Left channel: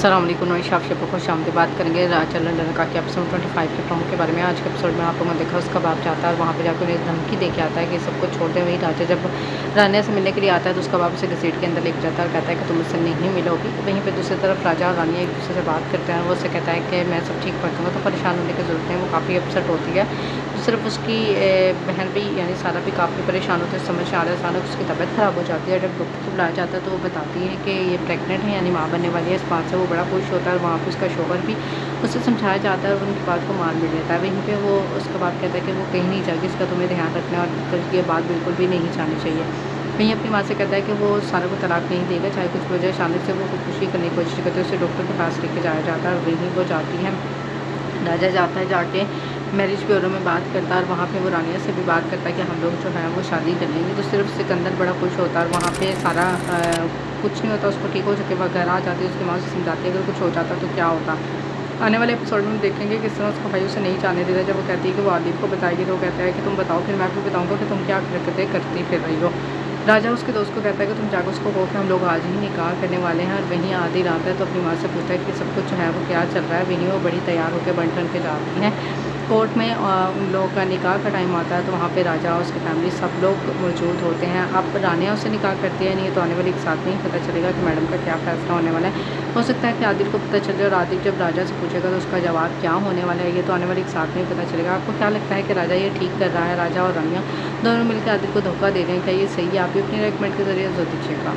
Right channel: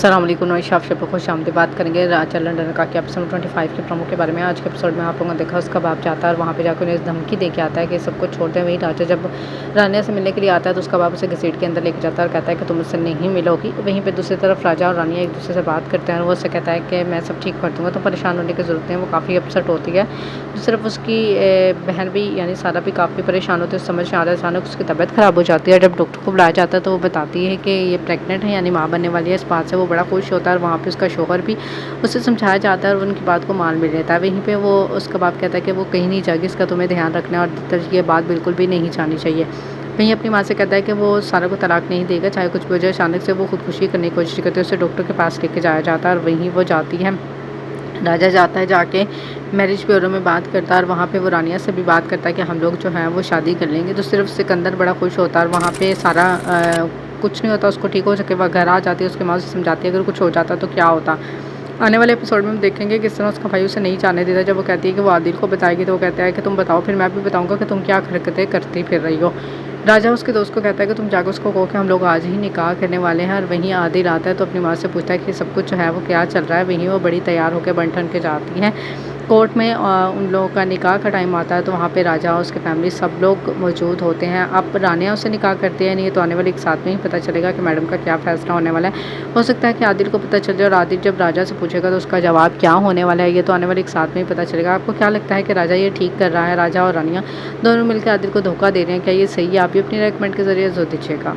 अस्सलाम वालेकुम नौशाद आपसे खुश आमदी बात करेंगे राजा लंदन का कि एपिसोड 25 के प्रमुख के बारे में। आज के एपिसोड में आप लोगों ने देखा उसका बाप जाता है और वहाँ पे जाकर उन्हें धमकी दे के आता है कि सबको छोड़ दे। वही राजा जब रानिया से मिलने के लिए आता है तो उसका बाप उसे घसीट के अंदर लेके जाता है और कहता है कि तुम मुझसे नहीं मिलोगी। वहीं पर दूसरी तरफ राजा और रानिया एक दूसरे से बात करते हैं और वो उससे कहता है कि मैं सब ठीक कर दूँगा, तो परेशान होने की ज़रूरत नहीं है। वो काफ़ी अपसेट होती है। सिर्फ उसकी बहन भी यानी सारा भी काफ़ी परेशान होती है। समझ में आ रहा है अचानक उसकी तबीयत ख़राब हो जाती है। जब डॉक्टर को बुलाया जाता है तो वो बताती है कि ये प्रेग्नेंट है यानी माँ बनने वाली है। इस बात से वो बड़ा खुश होता है और वहाँ पे उसका शौहर भी उससे समझाया जाता है और उनकी बात को मान भी लेता है। वहीं पे वो उसका बाप कहता है कि वो कहीं नहीं जाएगी, इसका तुम्हें ध्यान रखना है और ये बात बिल्कुल भी नहीं जानी चाहिए। वहीं अपनी माँ से कहता है कि वो सारा को तलाक नहीं देगा, चाहे कुछ भी हो जाए। अचानक से वो खुदकुशी करने की कोशिश करती है, उसे डॉक्टर के पास लेके जाया जाता है और वहीं वो जाती है। राजा जाता है, जाके मैरिज ब्यूरो में बात करता है और वहाँ पे वो रानिया से भी बात करता है कि हम लोग जो है वो शादी कर लेंगे। तो सिर्फ सिकंदर बड़ा खुश होता है और वहाँ पे सारा कुछ नहीं होता, उसको ठीक हो सके वह घर आ जाती है। उसकी माँ से समझाती है अगर कुछ हो जाता तो क्या होता। आने वाले एपिसोड में हम देखेंगे किस तरह उसका भाई उसे नहीं जाने देता। जब वो कहती है कि वो आदिल को बताएगी तो वो कहता है कि तुम बताओ, फिर मैं भी बताऊँगा कि तुम क्या हरकतें करती फिर रही हो। राजा उसके दोस्त को कहता है कि तुम जाकर उसको कहो कि हम लोग आज ही निकाह करने वाले हैं। और वहीं आदिल आता है तो अपनी माँ से पूछता है कि सब कुछ जो है वो क्या चल रहा है। वहीं वो बड़ी तैयार होकर बन ठन के जाती हैं कोर्ट में। उन लोगों का निकाह का टाइम आता है तो वहाँ पे राजा और उसकी फैमिली सब लोग मौजूद होते हैं। अब रानिया उससे निकाह करती है नहीं तो आने वाले एक साथ में ही पता चलेगा कि मैडम का क्या फ़ैसला होने वाला है। हो सकता है कि आदिल को पता चल जाए और आदिल जब राजा से पूछेगा तो उसका जवाब क्या होने वाला है ये तो आने वाले एक साथ में ही पता चलेगा। आपको क्या लगता है कि राजा ये ठीक कर रहा है? राजा और रानिया दोनों मिलकर आदिल को धोखा दे रहे हैं, क्या ये सही है? आप भी अपनी रेकमेंड के ज़रिए ज़रूर दीजिएगा।